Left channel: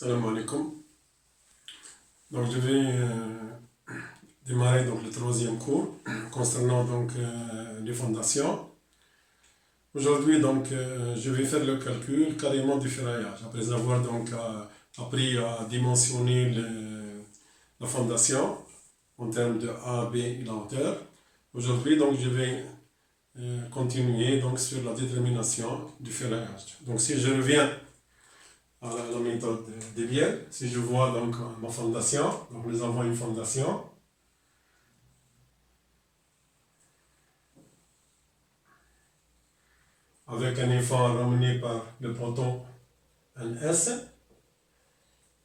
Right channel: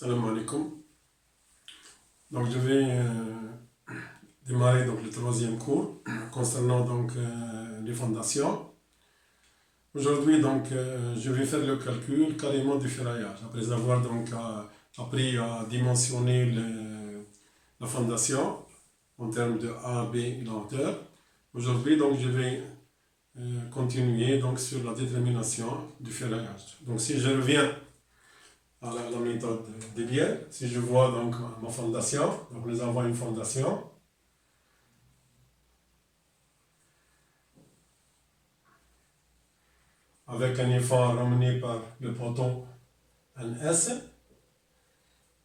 Salam alaikum. Donc je vais démarrer donc, le troisième cours concernant donc, les fondations. Aujourd'hui donc je vais faire le calcul carrément du ferraillage après avoir donc appris à dimensionner la fondation en termes de A, B et la hauteur. Aujourd'hui donc je vais continuer donc sur la détermination du ferraillage. Donc si je reviens à la méthode des bielles, si je vois donc ma fondation, donc nous avons une fondation. Avec un effort ramené par le poteau NS,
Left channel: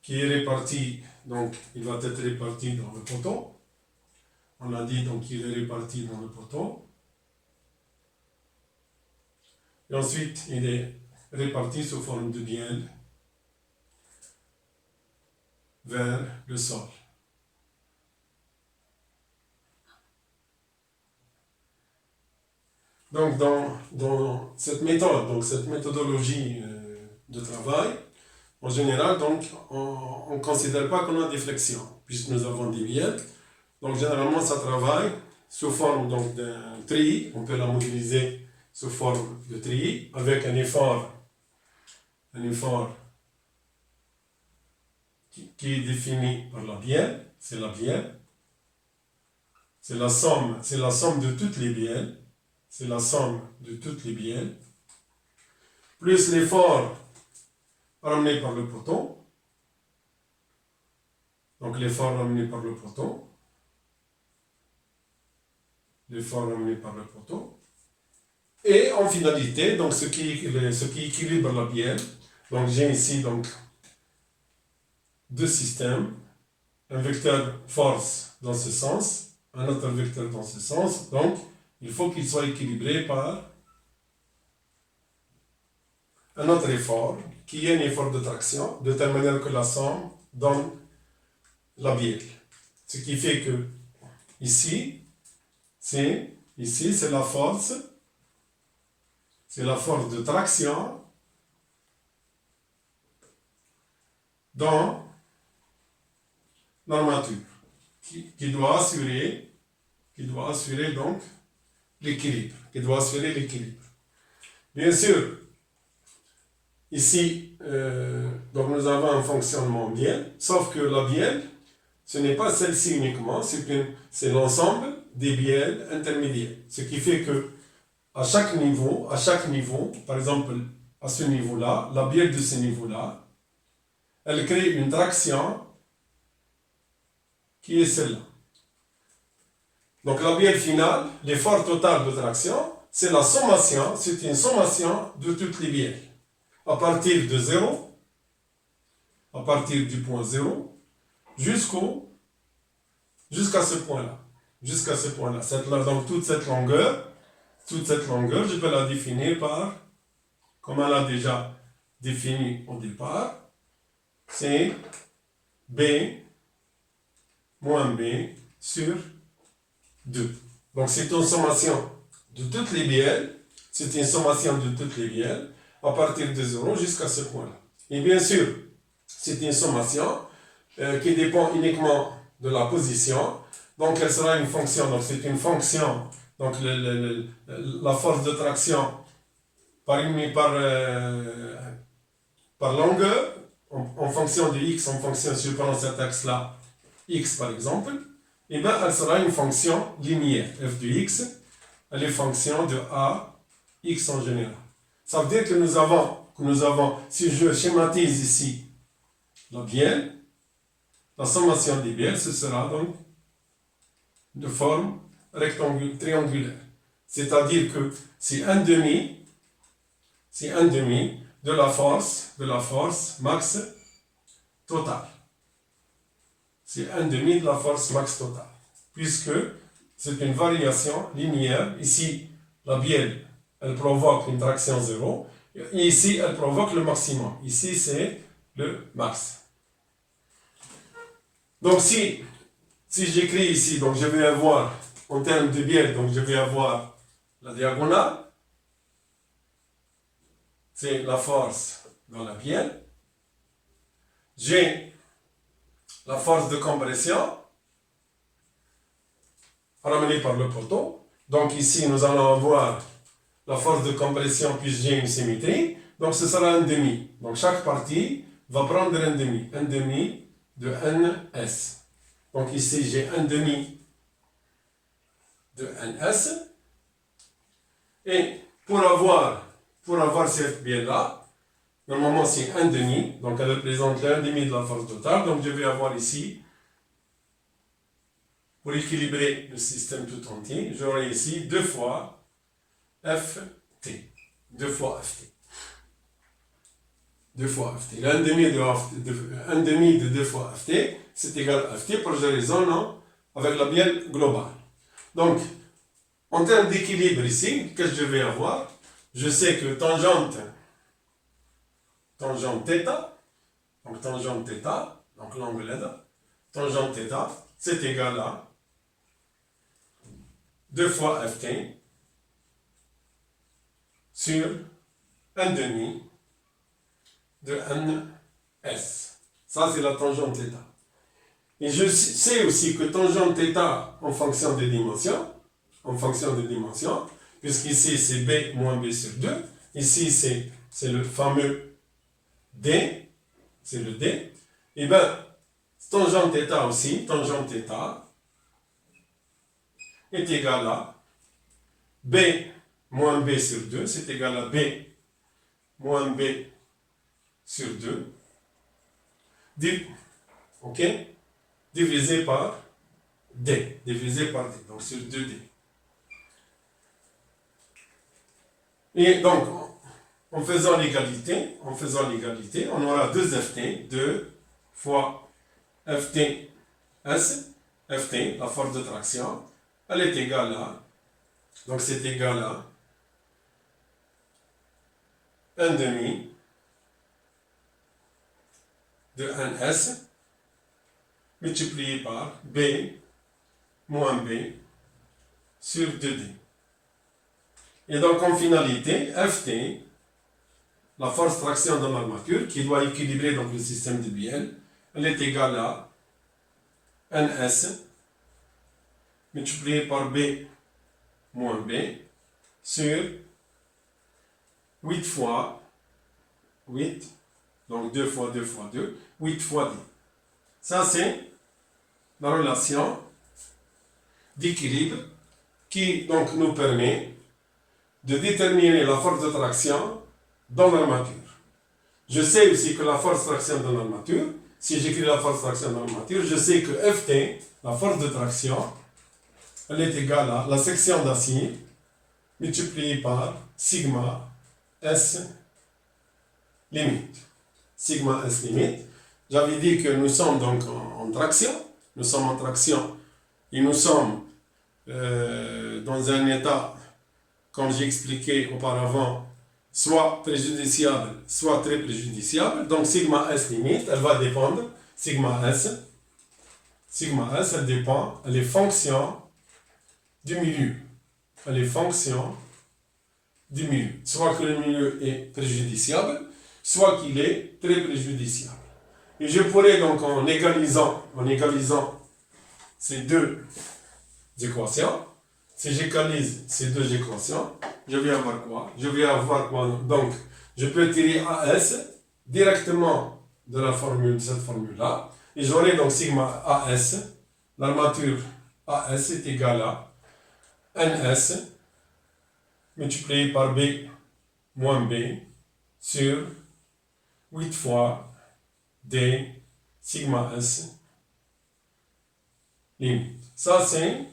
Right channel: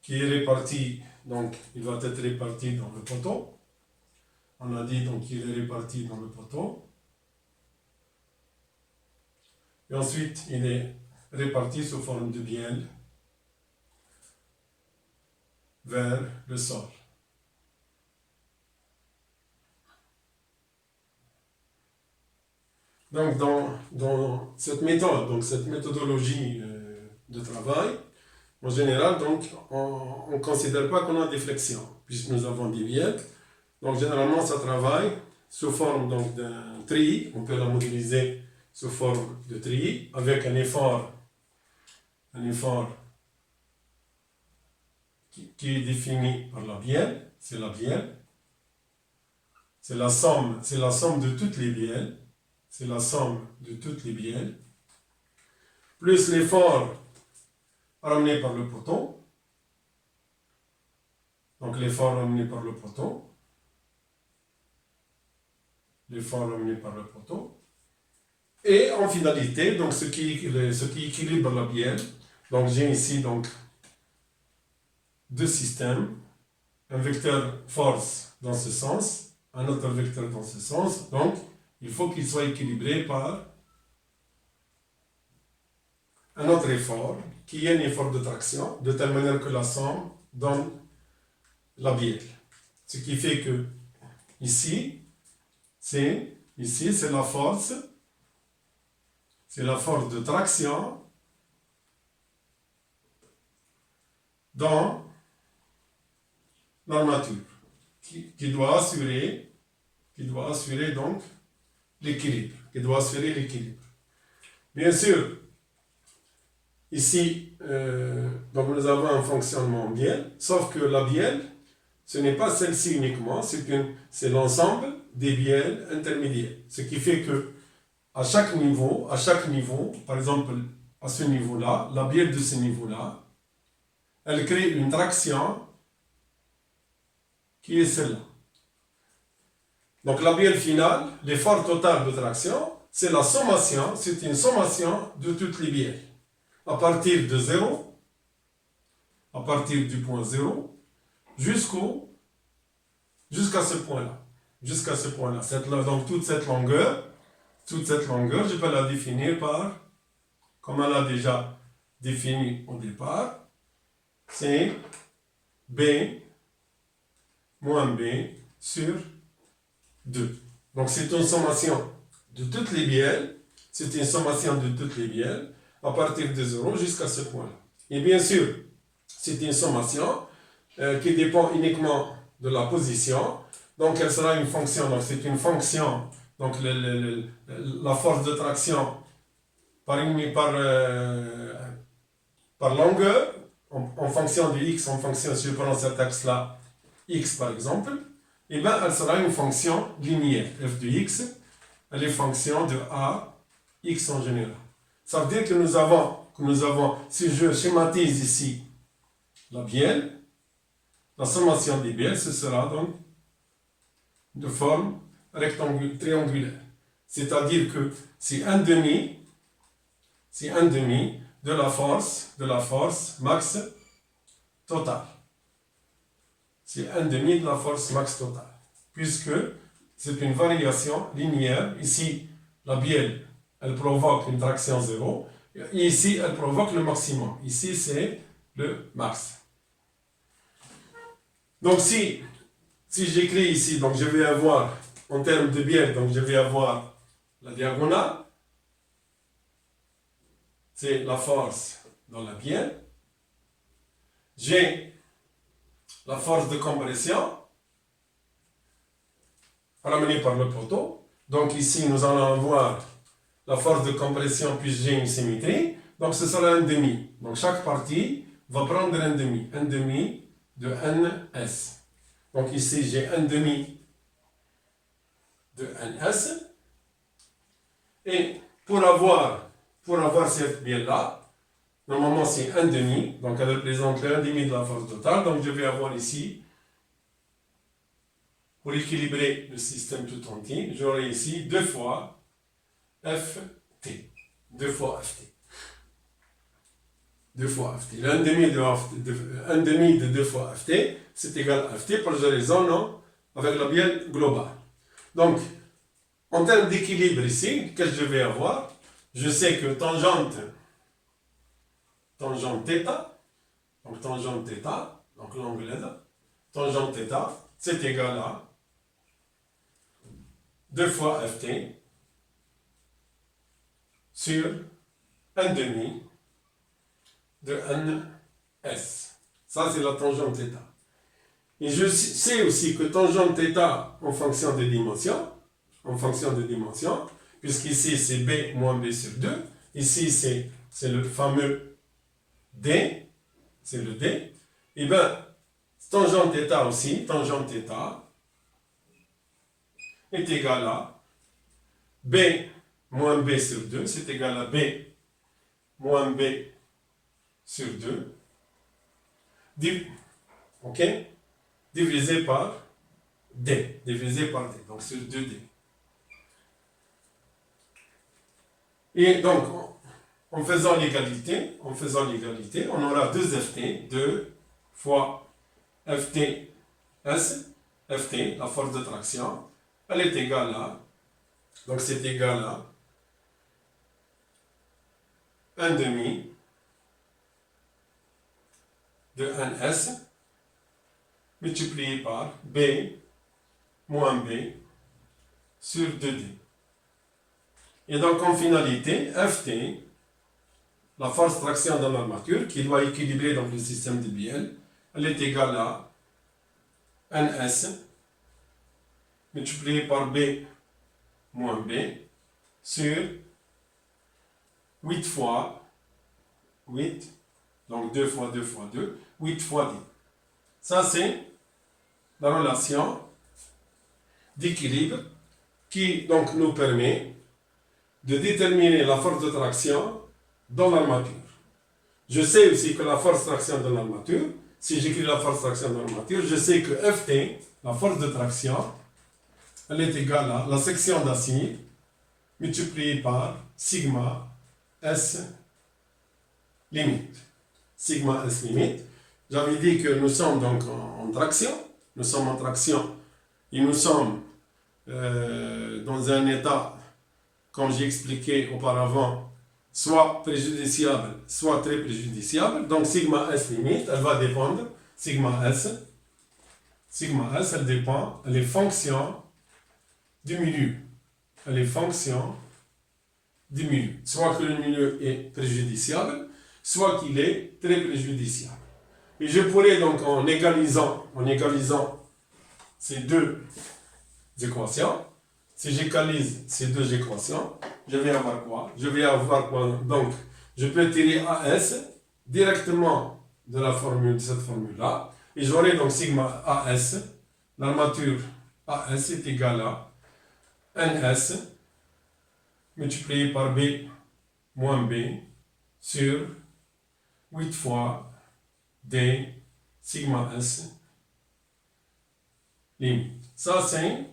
qui est réparti, donc il va être réparti dans le poteau. On a dit donc qu'il est réparti dans le poteau. Et ensuite, il est réparti sous forme de bielle vers le sol. Donc, dans cette méthode, donc cette méthodologie de travail, en général, donc, on ne considère pas qu'on a des flexions, puisque nous avons des bielles. Donc, généralement, ça travaille sous forme donc, d'un treillis. On peut la modéliser sous forme de treillis, avec un effort qui est défini par la bielle. C'est la bielle. C'est la somme de toutes les bielles. C'est la somme de toutes les bielles, plus l'effort ramené par le poteau. Donc l'effort ramené par le poteau. L'effort ramené par le poteau. Et en finalité, donc ce qui équilibre la bielle. Donc j'ai ici donc deux systèmes. Un vecteur force dans ce sens, un autre vecteur dans ce sens. Donc il faut qu'il soit équilibré par un autre effort, qui est un effort de traction, de telle manière que la somme donne la bielle. Ce qui fait que ici, c'est la force de traction dans l'armature, qui doit assurer donc l'équilibre, Bien sûr, ici, donc nous avons un fonctionnement bielle, sauf que la bielle, ce n'est pas celle-ci uniquement, c'est l'ensemble des bielles intermédiaires. Ce qui fait que à chaque niveau, par exemple à ce niveau-là, la bielle de ce niveau-là, elle crée une traction qui est celle-là. Donc la bielle finale, l'effort total de traction, c'est une sommation de toutes les bielles. À partir de 0, à partir du point 0, jusqu'à ce point-là. Donc toute cette longueur, je peux la définir par, comme on l'a déjà défini au départ, c'est B moins B sur 2. Donc c'est une sommation de toutes les bielles, à partir de 0 jusqu'à ce point-là. Et bien sûr, c'est une sommation qui dépend uniquement de la position, donc elle sera une fonction, donc c'est une fonction, donc la force de traction par longueur, en fonction de x, si je prends cet axe-là, x par exemple, et bien elle sera une fonction linéaire, f de x, elle est fonction de a, x en général. Ça veut dire que nous avons, si je schématise ici la bielle, la sommation des bielles, ce sera donc de forme triangulaire. C'est-à-dire que c'est un demi de la force max totale. C'est un demi de la force max totale. Puisque c'est une variation linéaire. Ici, la bielle, elle provoque une traction 0. Et ici, elle provoque le maximum. Ici, c'est le max. Donc, si j'écris ici, donc je vais avoir, en termes de bielle, donc je vais avoir la diagonale. C'est la force dans la bielle. j'ai la force de compression ramenée par le poteau. Donc ici, nous allons avoir la force de compression plus j'ai une symétrie. Donc ce sera un demi. Donc chaque partie va prendre un demi de NS. Donc ici, j'ai un demi de NS. Et pour avoir cette bielle-là, normalement c'est un demi, donc elle représente un demi de la force totale. Donc je vais avoir ici, pour équilibrer le système tout entier, j'aurai ici 2 fois Ft. 2 fois Ft. 2 fois Ft. Un demi de 2 fois Ft, c'est égal à Ft pour que je raisonne avec la bielle globale. Donc, en termes d'équilibre ici, qu'est-ce que je vais avoir? Je sais que tangente θ, donc l'angle LED, tangente θ, c'est égal à 2 fois Ft sur 1 demi de NS. Ça, c'est la tangente θ. Et je sais aussi que tangente θ en fonction des dimensions, puisqu'ici c'est B moins B sur 2, ici c'est le fameux D, c'est le D, et bien tangente θ aussi, tangente θ est égal à B moins B sur 2, c'est égal à B moins B sur 2, ok, divisé par D, donc sur 2D. Et donc, en faisant l'égalité, on aura 2 Ft, 2 fois Ft, la force de traction, elle est égale à, donc c'est égal à 1 demi de NS multiplié par B moins B sur 2D. Et donc en finalité, Ft, la force traction dans l'armature, qui doit équilibrer donc le système de Biel, elle est égale à NS multiplié par B moins B sur 8 fois 8, donc 2 fois 2 fois 2, 8 fois D. Ça, c'est la relation d'équilibre qui donc nous permet de déterminer la force de traction dans l'armature. Je sais aussi que la force de traction dans l'armature, si j'écris la force de traction dans l'armature, je sais que Ft, la force de traction, elle est égale à la section d'acier multipliée par sigma S limite. Sigma S limite. J'avais dit que nous sommes donc en traction. Nous sommes en traction et nous sommes dans un état, comme j'ai expliqué auparavant, soit préjudiciable, soit très préjudiciable. Donc sigma S limite, elle va dépendre, sigma S, elle dépend, elle est fonction du milieu. Elle est fonction du milieu. Soit que le milieu est préjudiciable, soit qu'il est très préjudiciable. Et je pourrais donc, en égalisant ces deux équations, si j'égalise ces deux équations, je vais avoir quoi? Donc, je peux tirer AS directement de cette formule-là, et j'aurai donc sigma AS, l'armature AS est égale à NS multiplié par B moins B sur 8 fois D sigma S limite. Ça, c'est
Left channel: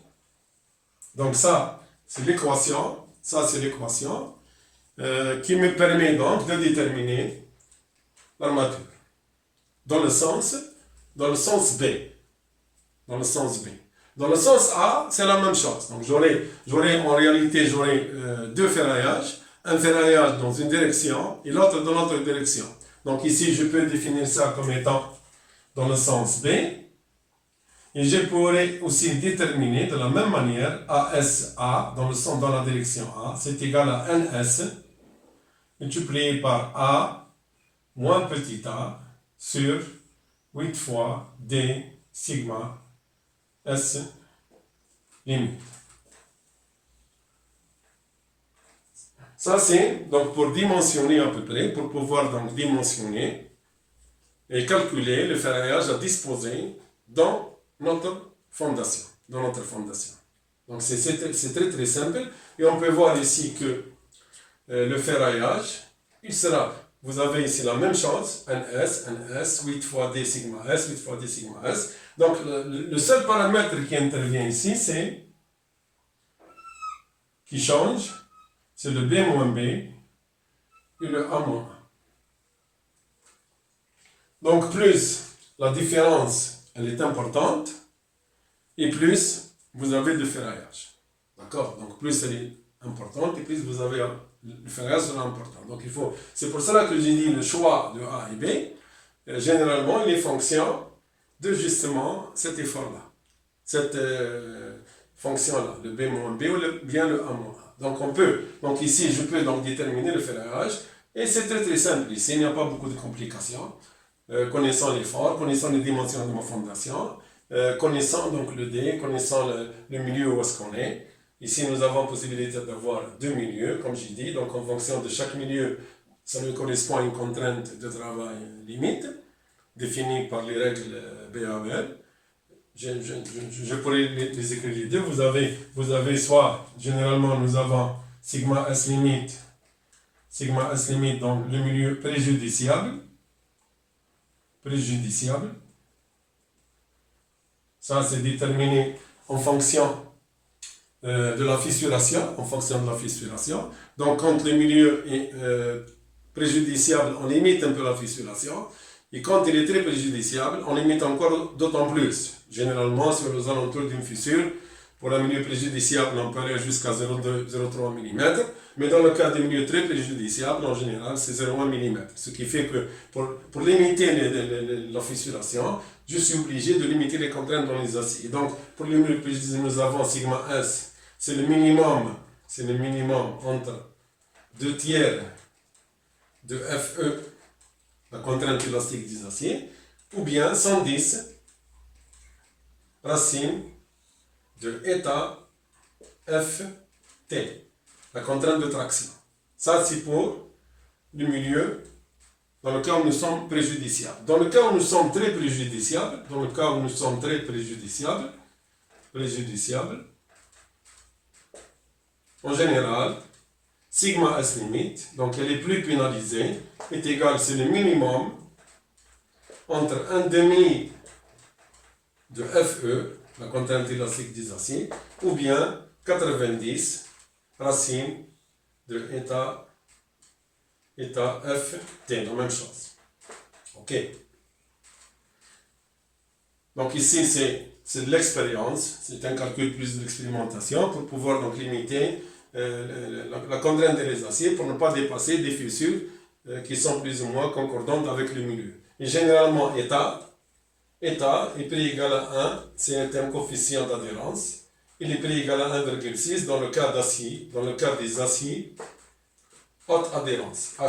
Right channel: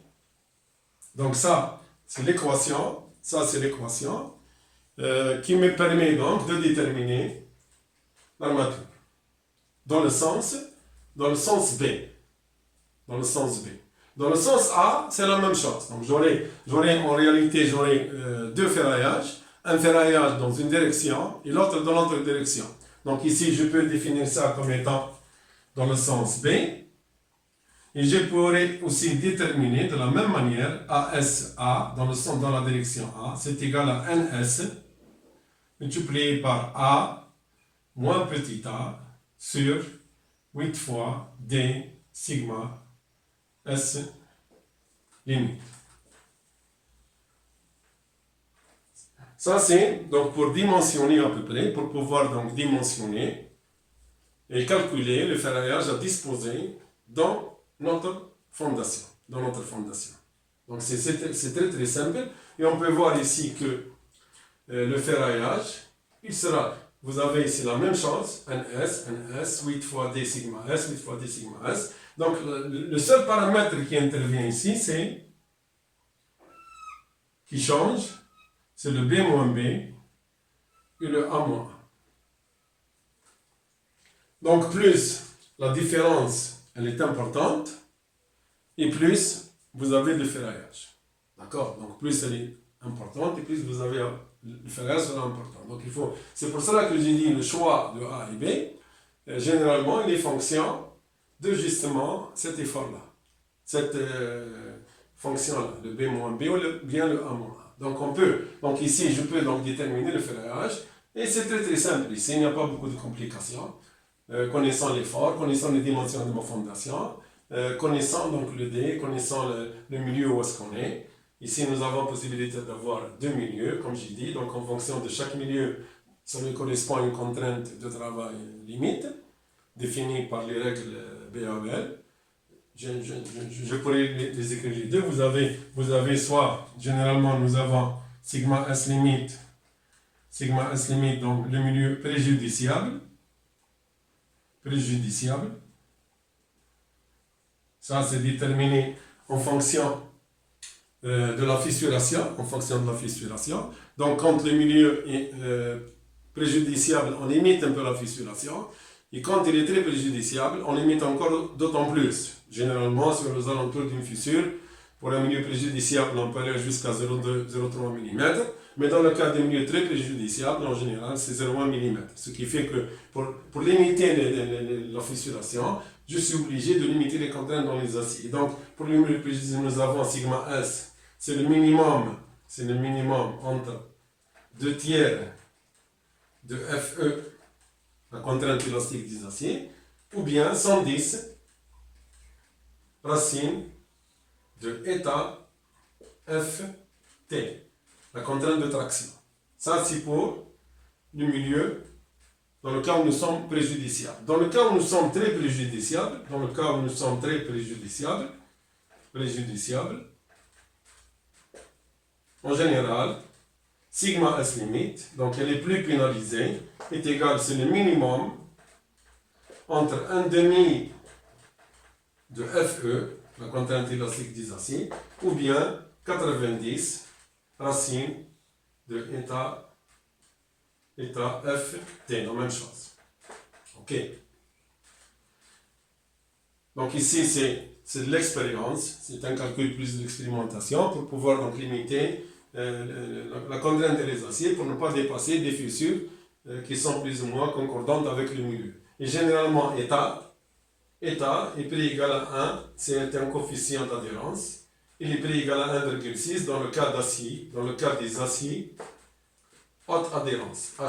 l'équation, qui me permet donc de déterminer l'armature dans le sens B. Dans le sens A, c'est la même chose. Donc j'aurai deux ferraillages, un ferraillage dans une direction et l'autre dans l'autre direction. Donc ici, je peux définir ça comme étant dans le sens B. Et je pourrais aussi déterminer de la même manière ASA dans la direction A, c'est égal à NS multiplié par A moins petit a sur 8 fois D sigma S limite. Ça c'est donc pour dimensionner à peu près, pour pouvoir donc dimensionner et calculer le ferraillage à disposer dans notre fondation. Donc c'est très très simple et on peut voir ici que le ferraillage, il sera, vous avez ici la même chose, NS, 8 fois D sigma S, 8 fois D sigma S. Donc le seul paramètre qui intervient ici, qui change, c'est le B moins B et le A moins A. Donc plus la différence, elle est importante, et plus vous avez de ferraillage. D'accord? Donc plus elle est importante, et plus vous avez le ferraillage sera important. Donc c'est pour cela que j'ai dit le choix de A et B, généralement il est fonction de justement cet effort-là, cette fonction-là, le B moins B ou bien le A moins A. Donc ici je peux donc déterminer le ferraillage, et c'est très très simple ici, il n'y a pas beaucoup de complications. Connaissant l'effort, connaissant les dimensions de ma fondation, connaissant donc le D, connaissant le milieu où est-ce qu'on est. Ici, nous avons possibilité d'avoir deux milieux, comme j'ai dit. Donc, en fonction de chaque milieu, ça lui correspond à une contrainte de travail limite, définie par les règles BAL. Je pourrais les écrire les deux. Vous avez soit, généralement, nous avons sigma S limite, donc le milieu préjudiciable. Ça, c'est déterminé en fonction de la fissuration, Donc, quand le milieu est préjudiciable, on limite un peu la fissuration. Et quand il est très préjudiciable, on limite encore d'autant plus. Généralement, sur les alentours d'une fissure, pour un milieu préjudiciable, on peut aller jusqu'à 0,2-0,3 mm. Mais dans le cas des milieux très préjudiciables, en général, c'est 0,1 mm. Ce qui fait que pour limiter la fissuration, je suis obligé de limiter les contraintes dans les aciers. Donc, pour les milieux préjudiciables, nous avons sigma S, c'est le minimum entre 2 tiers de FE, la contrainte élastique des aciers, ou bien 110 racine de eta FT, la contrainte de traction. Ça, c'est pour le milieu dans le cas où nous sommes préjudiciables. Dans le cas où nous sommes très préjudiciables, en général, sigma S limite, donc elle est plus pénalisée, est égal, c'est le minimum entre 1,5 de FE, la contrainte élastique des aciers, ou bien 90 racine de eta FT, la même chose. Ok. Donc ici, c'est de l'expérience, c'est un calcul plus de l'expérimentation pour pouvoir donc limiter la contrainte des aciers pour ne pas dépasser des fissures qui sont plus ou moins concordantes avec le milieu. Et généralement, eta est prix égal à 1, c'est un coefficient d'adhérence. Il est prix égal à 1,6 dans le cas des aciers haute adhérence, HA.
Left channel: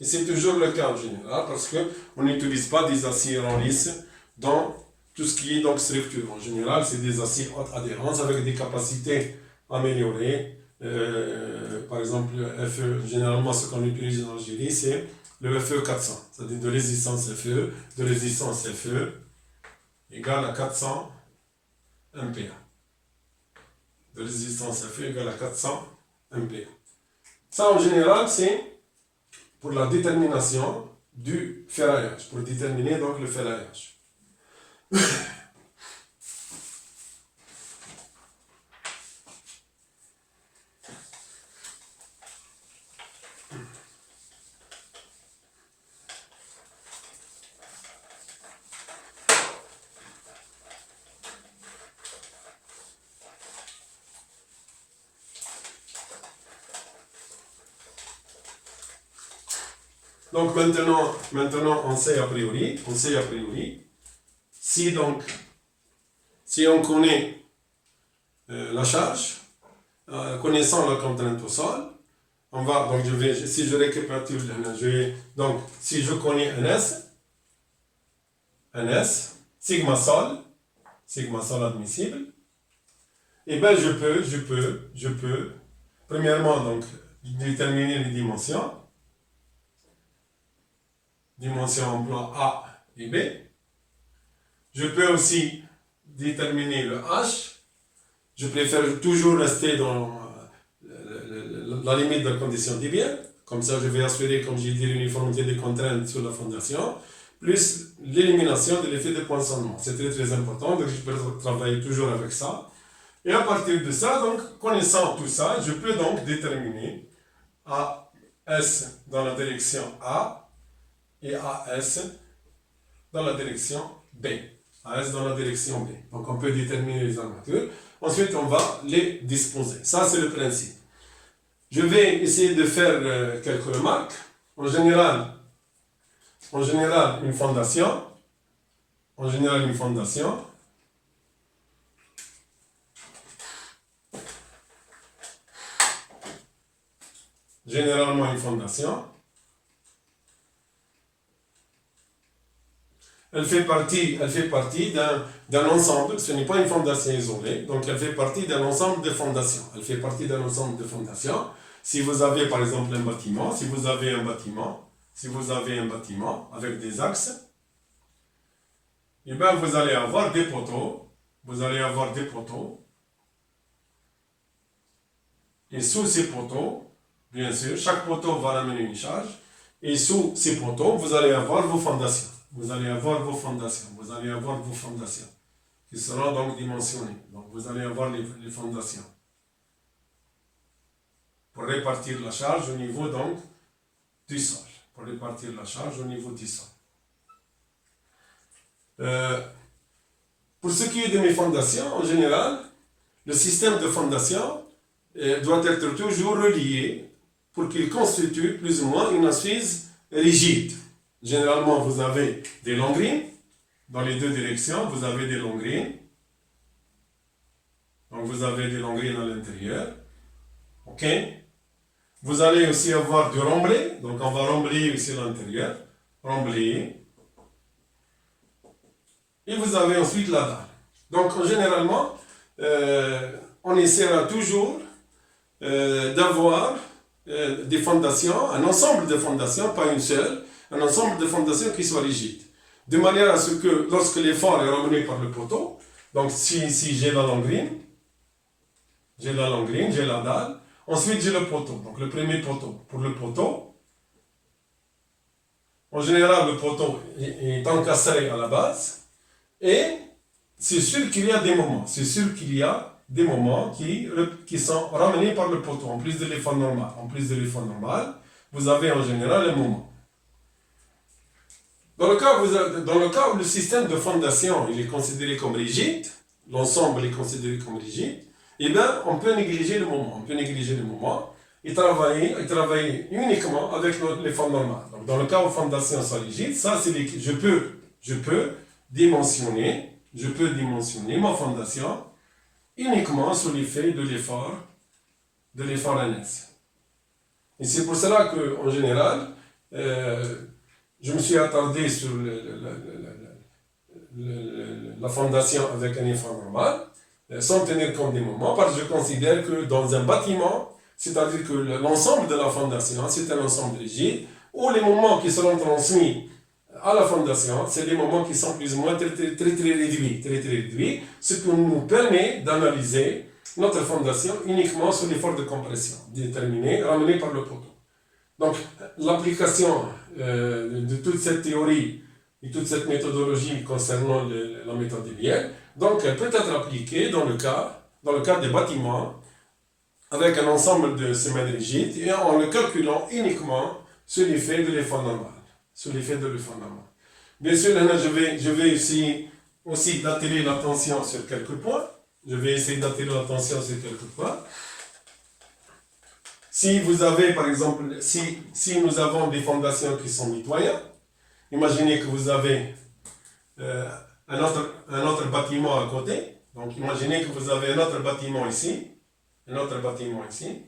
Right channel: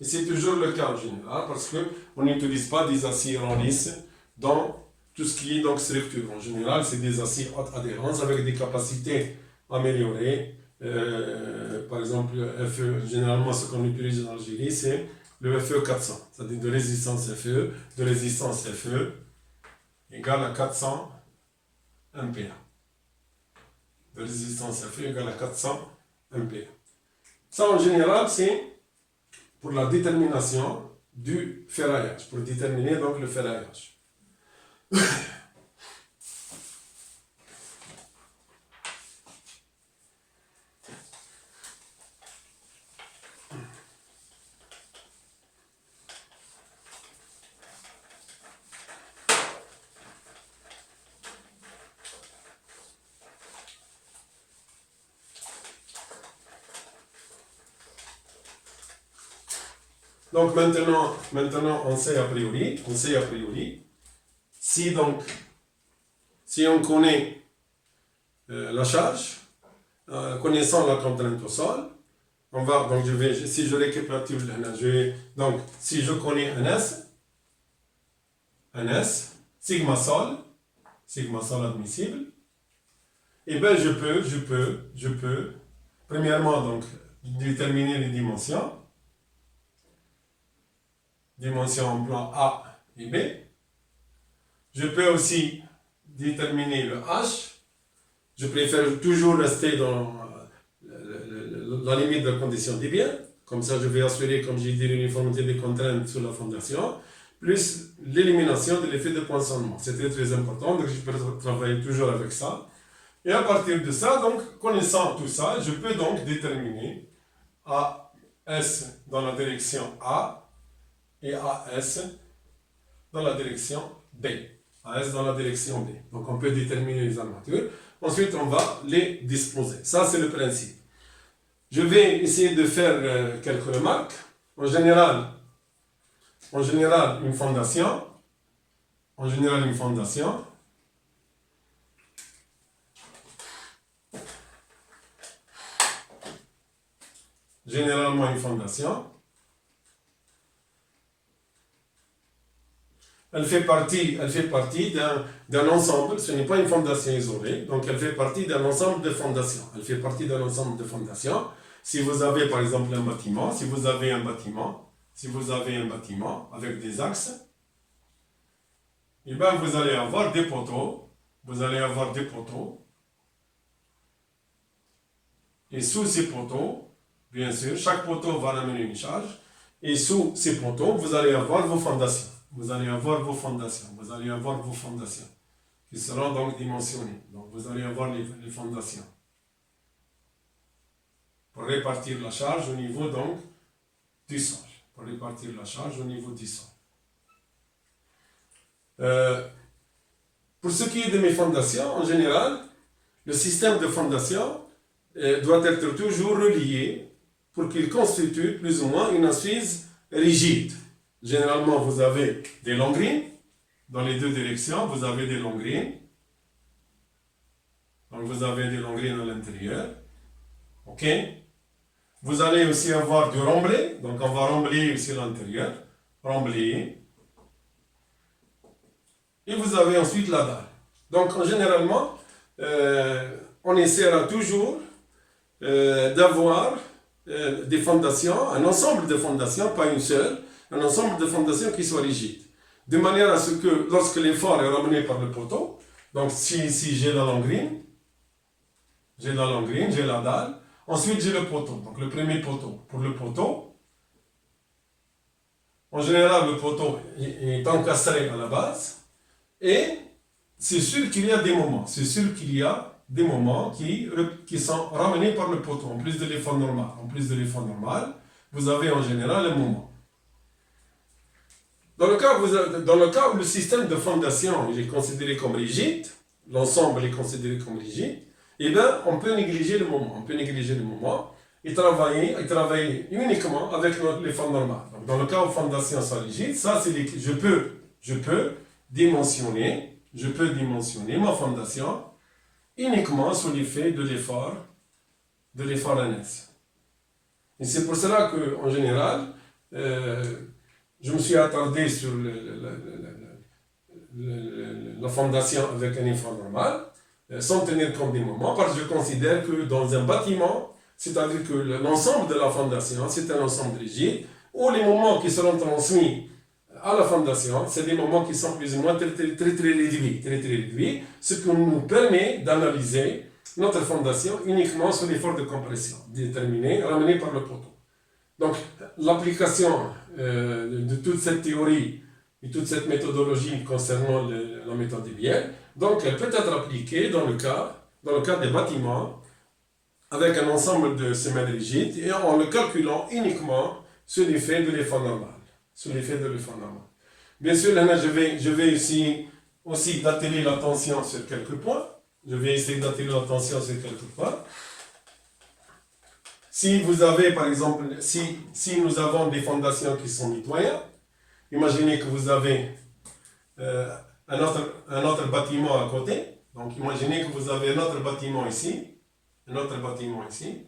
Et c'est toujours le cas en général parce qu'on n'utilise pas des aciers en lice dans tout ce qui est donc structure. En général, c'est des aciers haute adhérence avec des capacités améliorées. Par exemple, FE, généralement, ce qu'on utilise en Algérie, c'est le FE 400, c'est-à-dire de résistance FE égale à 400 MPa. De résistance FE égale à 400 MPa. Ça, en général, c'est pour la détermination du ferraillage, pour déterminer donc le ferraillage. Donc maintenant on sait a priori, si on connaît la charge, connaissant la contrainte au sol, on va, donc si je récapitule, donc si je connais un S, un S, sigma sol admissible, et bien je peux, premièrement donc, déterminer les dimensions en plan A et B. Je peux aussi déterminer le H. Je préfère toujours rester dans la limite de la condition d'Hibert. Comme ça, je vais assurer, comme j'ai dit, l'uniformité des contraintes sur la fondation, plus l'élimination de l'effet de poinçonnement. C'est très très important, donc je peux travailler toujours avec ça. Et à partir de ça, donc, connaissant tout ça, je peux donc déterminer AS dans la direction A et AS dans la direction B. AS dans la direction B. Donc on peut déterminer les armatures. Ensuite, on va les disposer. Ça, c'est le principe. Je vais essayer de faire quelques remarques. En général, une fondation. Généralement, une fondation. Elle fait partie d'un ensemble, ce n'est pas une fondation isolée, donc elle fait partie d'un ensemble de fondations. Si vous avez par exemple un bâtiment, si vous avez un bâtiment avec des axes, et bien vous allez avoir des poteaux, et sous ces poteaux, bien sûr, chaque poteau va ramener une charge, et sous ces poteaux, vous allez avoir vos fondations. Qui seront donc dimensionnées. Donc vous allez avoir les fondations. Pour répartir la charge au niveau donc du sol. Pour ce qui est de mes fondations, en général, le système de fondation doit être toujours relié pour qu'il constitue plus ou moins une assise rigide. Généralement, vous avez des longrines. Dans les deux directions, vous avez des longrines. Donc, vous avez des longrines à l'intérieur. OK? Vous allez aussi avoir du remblai. Donc, on va remblayer aussi l'intérieur. Remblayer. Et vous avez ensuite la dalle. Donc, généralement, on essaiera toujours d'avoir des fondations, un ensemble de fondations, pas une seule, un ensemble de fondations qui soient rigides. De manière à ce que, lorsque l'effort est ramené par le poteau, donc si j'ai la longrine, j'ai la dalle, ensuite j'ai le poteau, donc le premier poteau. Pour le poteau, en général, le poteau est encastré à la base, et c'est sûr qu'il y a des moments, qui sont ramenés par le poteau, en plus de l'effort normal. Vous avez en général un moment. Dans le cas où le système de fondation il est considéré comme rigide, l'ensemble est considéré comme rigide, eh bien, on peut négliger le moment. Et travailler uniquement avec l'effort normal. Donc, dans le cas où la fondation soit rigide, ça, je peux dimensionner ma fondation uniquement sous l'effet de l'effort NS. Et c'est pour cela qu'en général, je me suis attardé sur la fondation avec un effort normal, sans tenir compte des moments, parce que je considère que dans un bâtiment, c'est-à-dire que l'ensemble de la fondation, c'est un ensemble rigide, où les moments qui seront transmis à la fondation, c'est des moments qui sont plus ou moins très réduits, ce qui nous permet d'analyser notre fondation uniquement sous l'effort de compression, déterminé, ramené par le poteau. Donc, l'application de toute cette théorie et toute cette méthodologie concernant la méthode d'Hibert, donc elle peut être appliquée dans le cas des bâtiments avec un ensemble de semaines rigides et en le calculant uniquement sous l'effet de l'effort normal. Bien sûr, je vais essayer aussi d'attirer l'attention sur quelques points. Si vous avez, par exemple, si nous avons des fondations qui sont mitoyennes, imaginez que vous avez un autre bâtiment à côté. Donc, imaginez que vous avez un autre bâtiment ici, un autre bâtiment ici.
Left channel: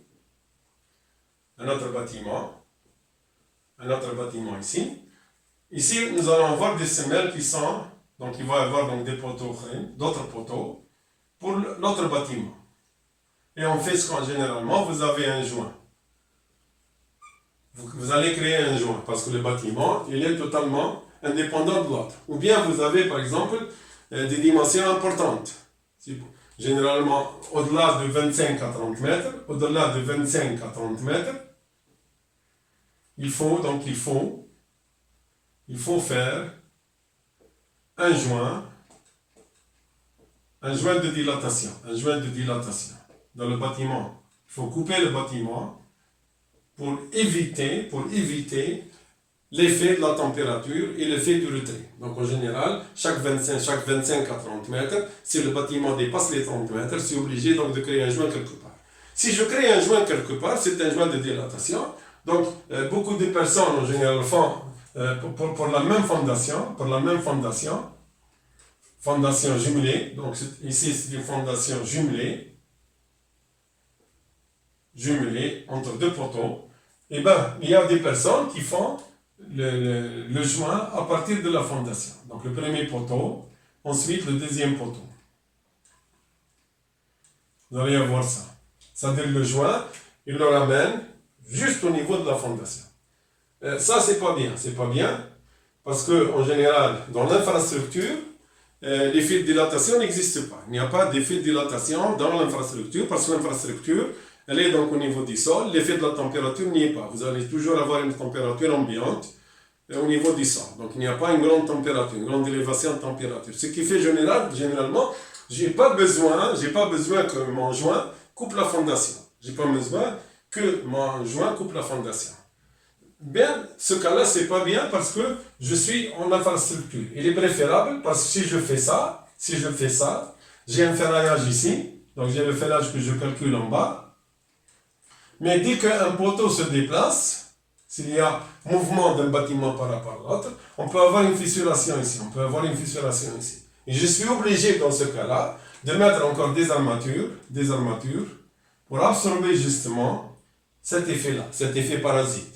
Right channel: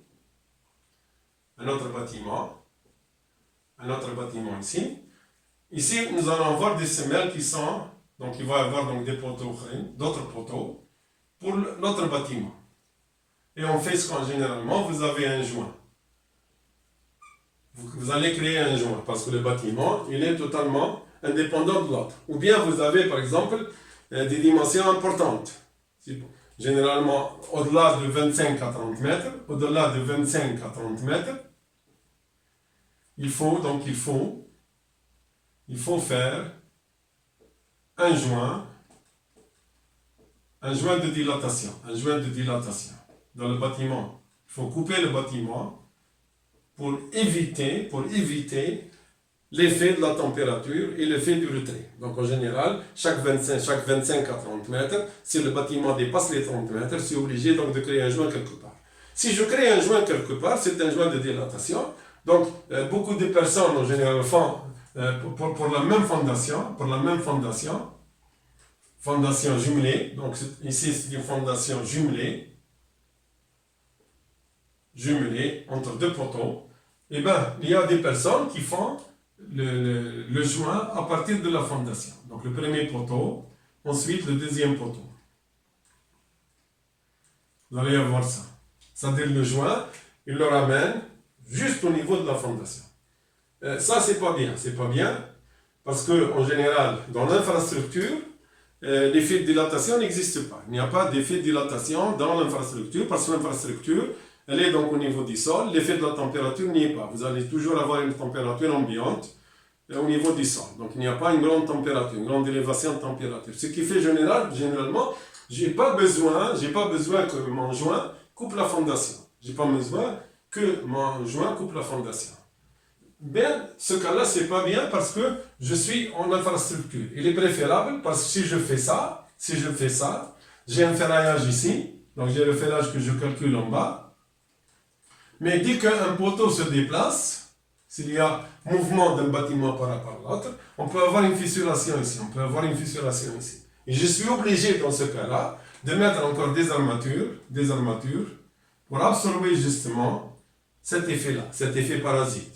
Ici, nous allons avoir des semelles qui sont Donc il va y avoir donc des poteaux, d'autres poteaux pour l'autre bâtiment. Et on fait ce qu'en généralement, vous avez un joint. Vous allez créer un joint parce que le bâtiment, il est totalement indépendant de l'autre. Ou bien vous avez par exemple des dimensions importantes. Généralement, au-delà de 25 à 30 mètres, au-delà de 25 à 30 mètres, il faut faire un joint de dilatation, dans le bâtiment. Il faut couper le bâtiment pour éviter l'effet de la température et l'effet du retrait. Donc en général, chaque 25 à 30 mètres, si le bâtiment dépasse les 30 mètres, c'est obligé donc de créer un joint quelque part. Si je crée un joint quelque part, c'est un joint de dilatation. Donc beaucoup de personnes en général font pour la même fondation jumelée. Donc ici c'est une fondation jumelée entre deux poteaux. Et bien il y a des personnes qui font le joint à partir de la fondation. Donc le premier poteau, ensuite le deuxième poteau. Vous allez avoir ça. C'est-à-dire le joint, il le ramène juste au niveau de la fondation. Ça, c'est pas bien, parce que en général, dans l'infrastructure, l'effet de dilatation n'existe pas. Il n'y a pas d'effet de dilatation dans l'infrastructure, parce que l'infrastructure, elle est donc au niveau du sol, l'effet de la température n'y est pas. Vous allez toujours avoir une température ambiante au niveau du sol. Donc il n'y a pas une grande température, une grande élévation de température. Ce qui fait généralement, j'ai pas besoin que mon joint coupe la fondation. J'ai pas besoin que mon joint coupe la fondation. Bien, ce cas-là, c'est pas bien parce que je suis en infrastructure. Il est préférable parce que si je fais ça, j'ai un ferraillage ici, donc j'ai le ferraillage que je calcule en bas. Mais dès qu'un poteau se déplace, s'il y a mouvement d'un bâtiment par rapport à l'autre, on peut avoir une fissuration ici, Et je suis obligé dans ce cas-là de mettre encore des armatures pour absorber justement cet effet-là, cet effet parasite.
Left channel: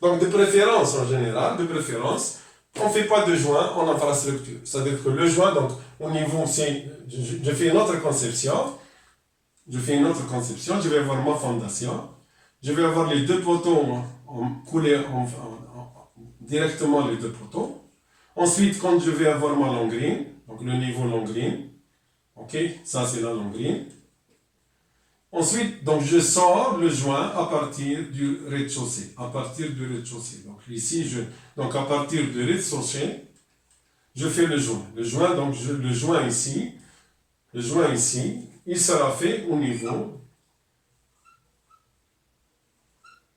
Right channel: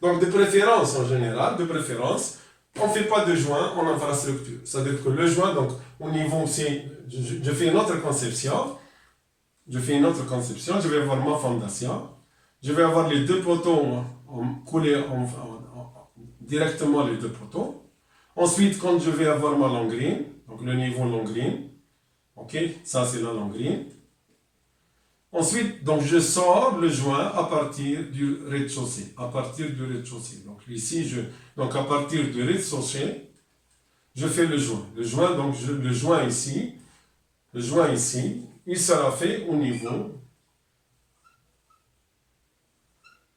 Donc de préférence en général, on ne fait pas de joint en infrastructure. C'est-à-dire que le joint, donc au niveau, je fais une autre conception, je vais avoir ma fondation, je vais avoir les deux poteaux coulés directement les deux poteaux. Ensuite, quand je vais avoir ma longrine, donc le niveau longrine, ok, ça c'est la longrine. Ensuite, donc je sors le joint à partir du rez-de-chaussée. Donc ici, donc à partir du rez-de-chaussée, je fais le joint. Le joint ici, il sera fait au niveau.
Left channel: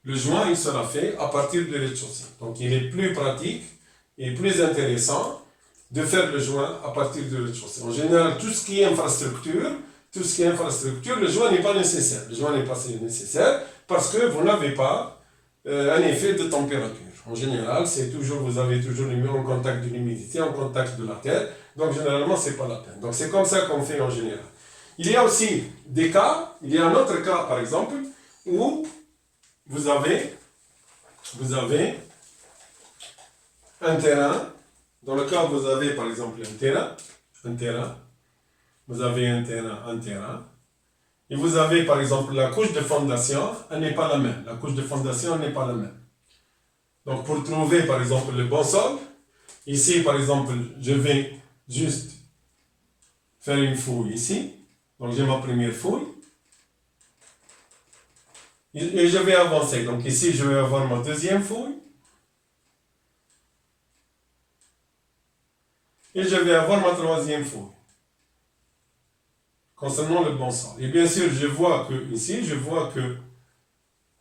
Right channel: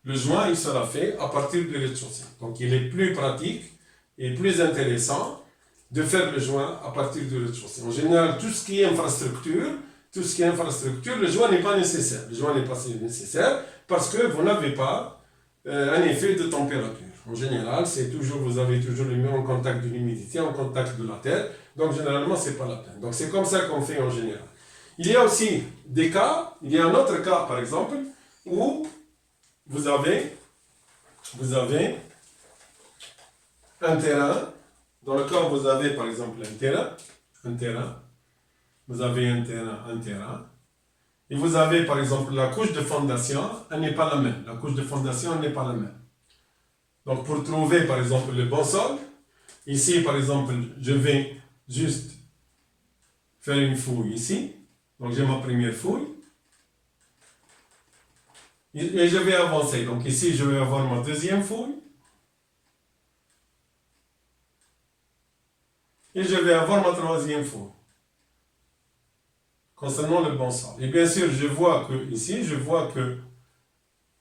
Le joint, il sera fait à partir du rez-de-chaussée. Donc il est plus pratique et plus intéressant de faire le joint à partir du rez-de-chaussée. En général, tout ce qui est infrastructure, le joint n'est pas nécessaire. Parce que vous n'avez pas un effet de température. En général, vous avez toujours les murs en contact de l'humidité, en contact de la terre. Donc généralement, c'est pas la peine. Donc c'est comme ça qu'on fait en général. Il y a aussi des cas, il y a un autre cas par exemple, où vous avez un terrain. Dans le cas où vous avez par exemple un terrain, vous avez un terrain, et vous avez par exemple la couche de fondation, elle n'est pas la même. Donc pour trouver par exemple le bon sol, ici par exemple, je vais juste faire une fouille ici. Donc j'ai ma première fouille. Et je vais avancer. Donc ici, je vais avoir ma deuxième fouille. Et je vais avoir ma troisième fouille. Concernant le bon sol. Et bien sûr, je vois que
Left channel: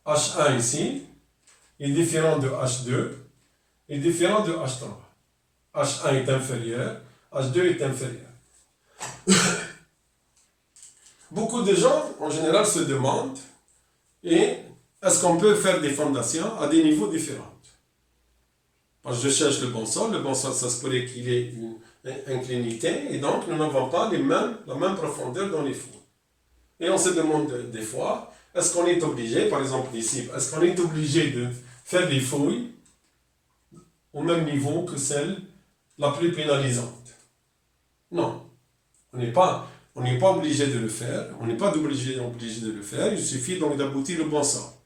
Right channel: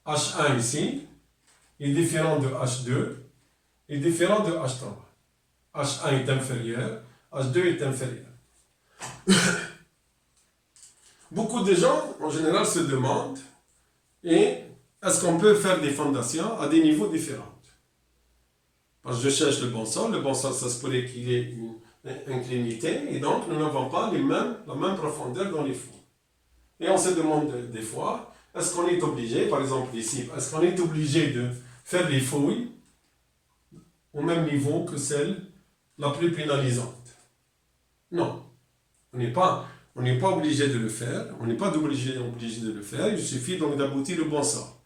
H1 ici est différent de H2 est différent de H3. H1 est inférieur, H2 est inférieur. Beaucoup de gens, en général, se demandent est-ce qu'on peut faire des fondations à des niveaux différents? Parce que je cherche le bon sol, ça se pourrait qu'il ait une inclinité, et donc nous n'avons pas la même profondeur dans les fouilles. Et on se demande des fois, est-ce qu'on est obligé, par exemple ici, est-ce qu'on est obligé de faire des fouilles au même niveau que celle la plus pénalisante? Non. On n'est pas obligé de le faire. On n'est pas obligé de le faire. Il suffit donc d'aboutir au bon sort.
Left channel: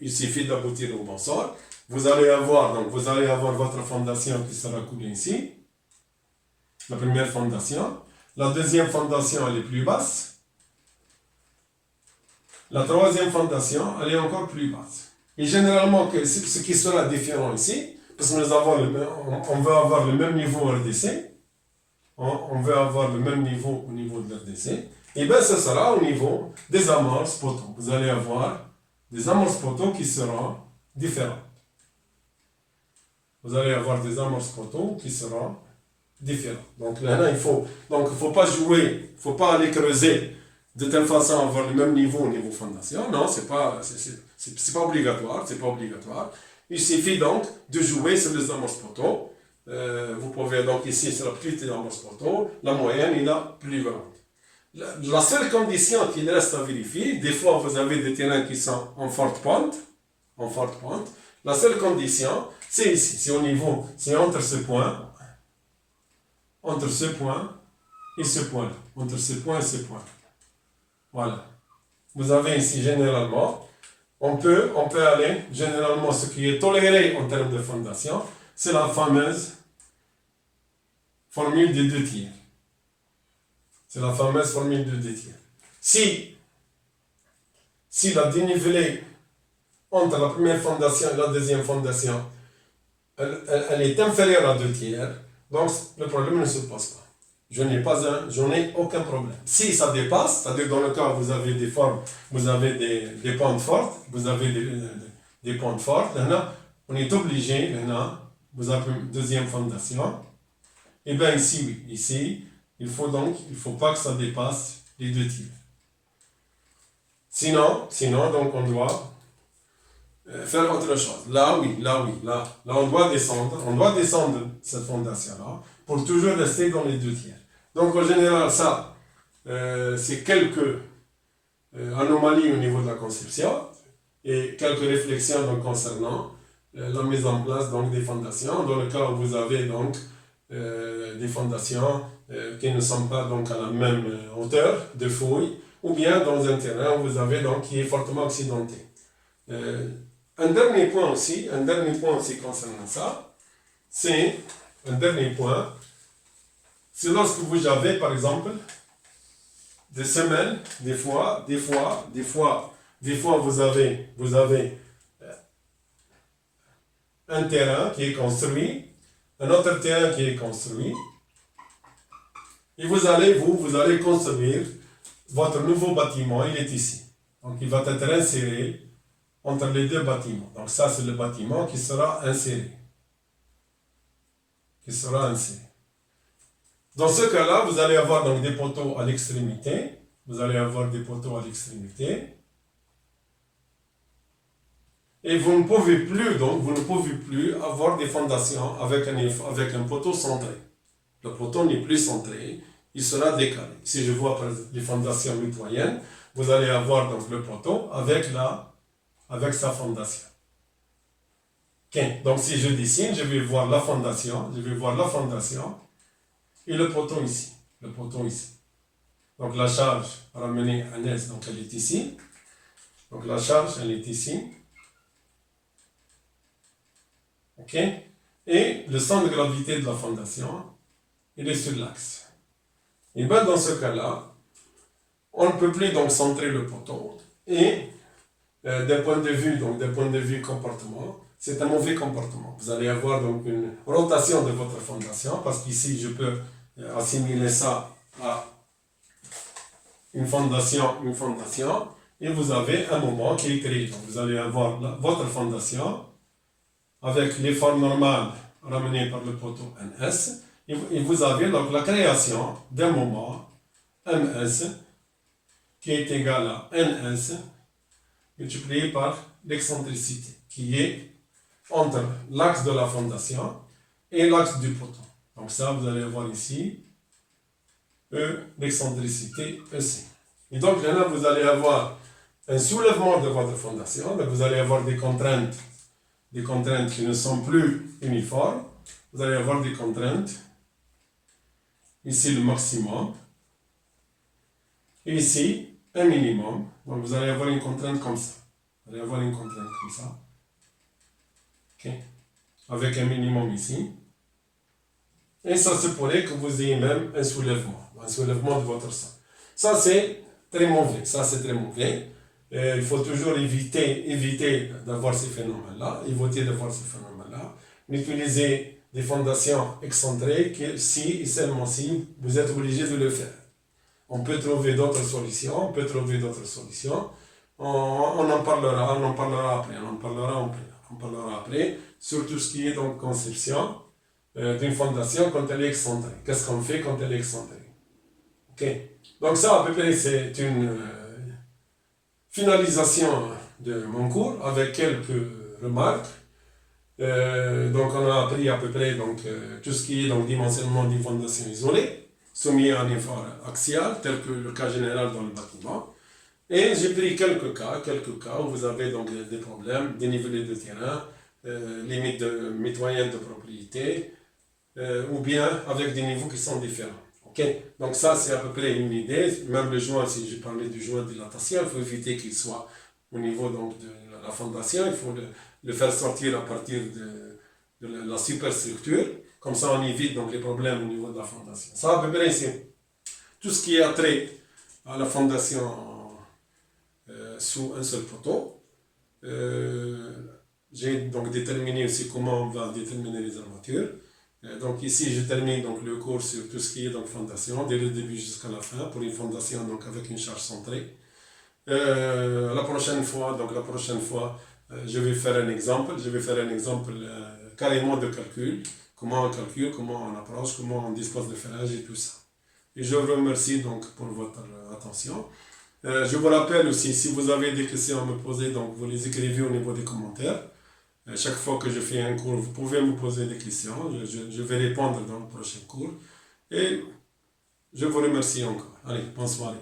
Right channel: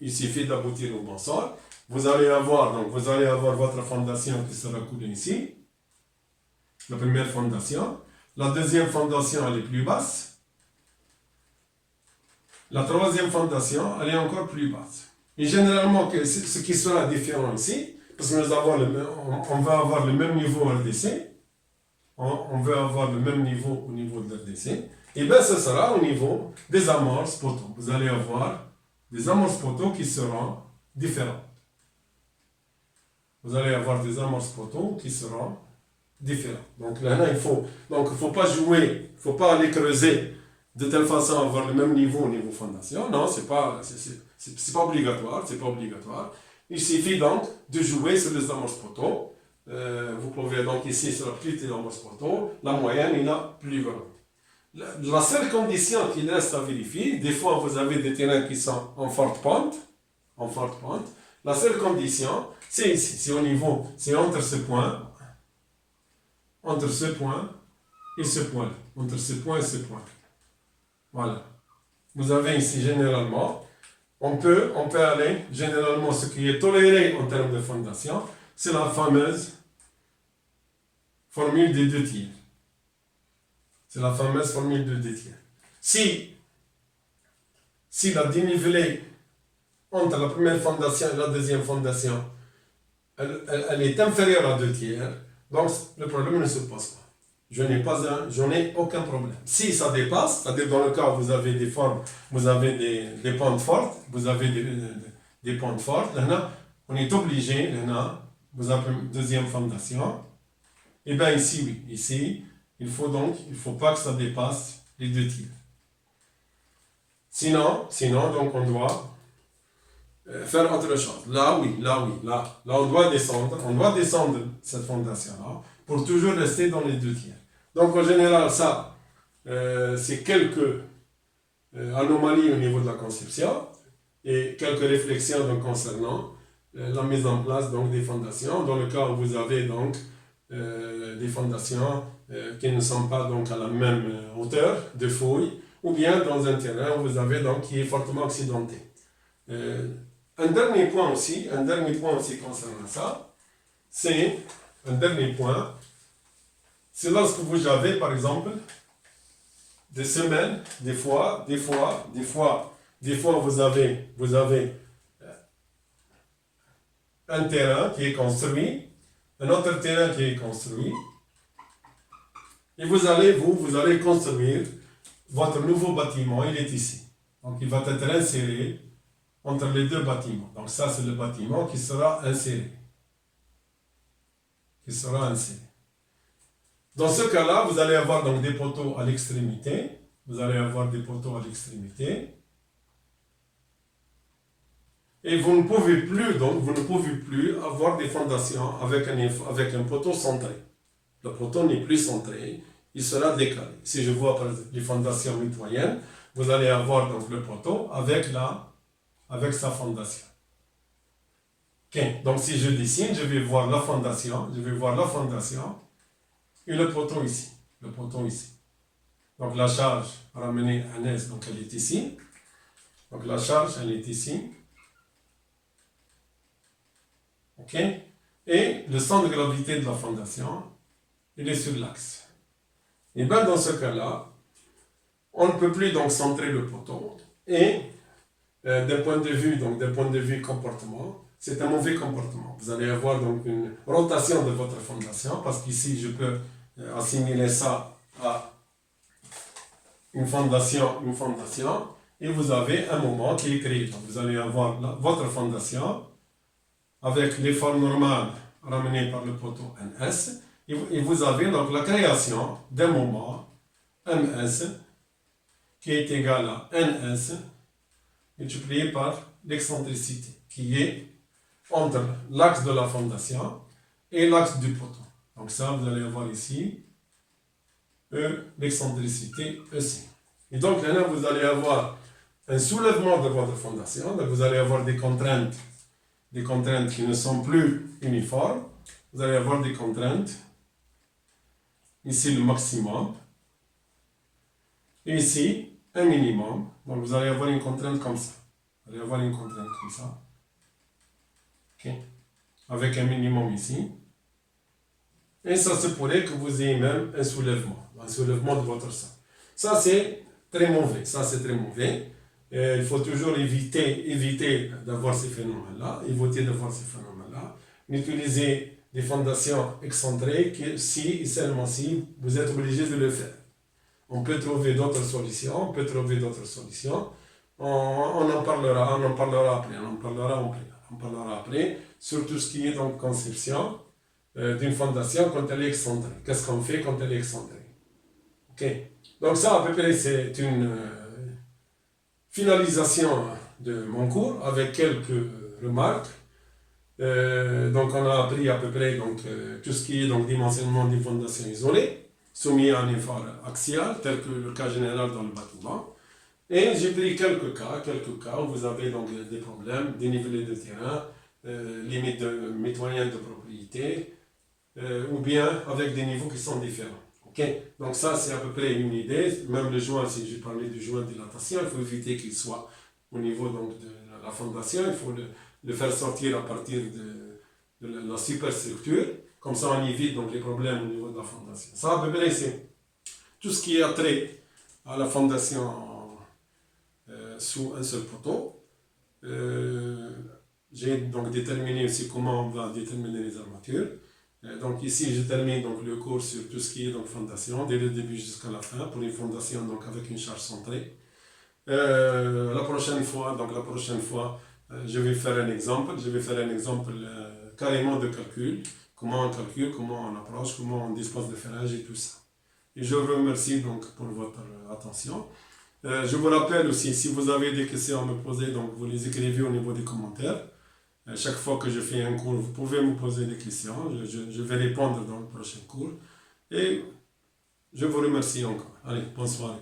Il suffit d'aboutir au bon sort. Vous allez avoir votre fondation qui sera coulée ici. La première fondation. La deuxième fondation, elle est plus basse. La troisième fondation, elle est encore plus basse. Et généralement, ce qui sera différent ici, parce que on veut avoir le même niveau RDC, on veut avoir le même niveau au niveau de l'RDC, et bien ce sera au niveau des amorces poteaux. Vous allez avoir des amorces poteaux qui seront différentes. Vous allez avoir des amorces poteaux qui seront différentes. Donc là, il faut pas jouer, il ne faut pas aller creuser de telle façon à avoir le même niveau au niveau fondation. Non, c'est pas obligatoire, c'est pas obligatoire. Il suffit donc de jouer sur les amorces poteaux. Vous pouvez donc ici sur la petite amorce poteau, la moyenne est la plus grande. La seule condition qu'il reste à vérifier, des fois vous avez des terrains qui sont en forte pente, la seule condition, c'est ici, c'est entre ce point et ce point, entre ce point et ce point. Voilà. Vous avez ici généralement, on peut aller, généralement ce qui est toléré en termes de fondation, c'est la fameuse formule des 2 tiers. C'est la fameuse formule de 2 tiers. Si la dénivelée entre la première fondation et la deuxième fondation, elle est inférieure à 2 tiers, donc le problème ne se pose pas. Je n'ai aucun problème. Si ça dépasse, c'est-à-dire dans le cas où vous avez des formes, vous avez des pentes fortes, vous avez des pentes fortes, là, on est obligé, là, vous avez une deuxième fondation, et bien ici, oui, ici, il ne faut pas que ça dépasse les 2 tiers. Sinon, donc on doit faire autre chose. Là, on doit descendre cette fondation-là pour toujours rester dans les 2 tiers. Donc en général, ça, c'est quelques anomalies au niveau de la conception et quelques réflexions donc, concernant la mise en place donc, des fondations. Dans le cas où vous avez donc des fondations qui ne sont pas donc, à la même hauteur de fouille, ou bien dans un terrain où vous avez donc qui est fortement accidenté. Un dernier point aussi concernant ça, c'est lorsque vous avez par exemple des semelles, des fois vous avez un terrain qui est construit, un autre terrain qui est construit, et vous allez construire votre nouveau bâtiment, il est ici. Donc il va être inséré entre les 2 bâtiments. Donc ça c'est le bâtiment qui sera inséré. Dans ce cas-là, vous allez avoir donc des poteaux à l'extrémité. Et vous ne pouvez plus avoir des fondations avec un poteau centré. Le poteau n'est plus centré, il sera décalé. Si je vois par exemple les fondations mitoyennes, vous allez avoir donc le poteau avec sa fondation. Okay. Donc si je dessine, je vais voir la fondation et le poteau ici. Donc la charge ramenée à S, donc elle est ici. Donc la charge, elle est ici. Ok. Et le centre de gravité de la fondation, il est sur l'axe. Et bien dans ce cas-là, on ne peut plus donc centrer le poteau. Et d'un point de vue comportement, c'est un mauvais comportement. Vous allez avoir donc une rotation de votre fondation, parce qu'ici je peux assimiler ça à une fondation, et vous avez un moment qui est créé. Donc vous allez avoir votre fondation avec les formes normales ramenées par le poteau NS, et vous avez donc la création d'un moment MS qui est égal à NS multiplié par l'excentricité qui est entre l'axe de la fondation et l'axe du poteau. Donc ça, vous allez avoir ici l'excentricité EC. Et donc là, vous allez avoir un soulèvement de votre fondation, donc vous allez avoir des contraintes qui ne sont plus uniformes, vous allez avoir des contraintes ici le maximum, et ici un minimum. Donc vous allez avoir une contrainte comme ça. Vous allez avoir une contrainte comme ça. Ok. Avec un minimum ici. Et ça se pourrait que vous ayez même un soulèvement de votre sang. Ça c'est très mauvais. Ça c'est très mauvais. Et il faut toujours éviter d'avoir ces phénomènes-là, éviter d'avoir ces phénomènes-là. N'utilisez des fondations excentrées que si et seulement si vous êtes obligé de le faire. On peut trouver d'autres solutions, On en parlera après, sur tout ce qui est donc conception d'une fondation quand elle est excentrée. Qu'est-ce qu'on fait quand elle est excentrée? Ok. Donc ça, à peu près, c'est une finalisation de mon cours avec quelques remarques. Donc on a appris à peu près tout ce qui est dimensionnement des fondations isolées, soumis à un effort axial, tel que le cas général dans le bâtiment. Et j'ai pris quelques cas où vous avez donc des problèmes, dénivelé de terrain, limite mitoyenne de propriété, ou bien avec des niveaux qui sont différents. Okay? Donc ça, c'est à peu près une idée. Même le joint, si j'ai parlé du joint de dilatation, il faut éviter qu'il soit au niveau de la fondation. Il faut le faire sortir à partir de la superstructure. Comme ça, on évite donc les problèmes au niveau de la fondation. Ça, à peu près, c'est tout ce qui est attrait à la fondation sous un seul poteau. J'ai donc déterminé aussi comment on va déterminer les armatures. Donc ici, je termine donc le cours sur tout ce qui est fondation, dès le début jusqu'à la fin, pour une fondation donc avec une charge centrée. La prochaine fois, je vais faire un exemple. Carrément de calcul. Comment on calcule, comment on approche, comment on dispose de ferrage et tout ça. Et je vous remercie donc pour votre attention. Je vous rappelle aussi, si vous avez des questions à me poser, donc vous les écrivez au niveau des commentaires. Chaque fois que je fais un cours, vous pouvez me poser des questions. Je vais répondre dans le prochain cours. Et je vous remercie encore. Allez, bonne soirée.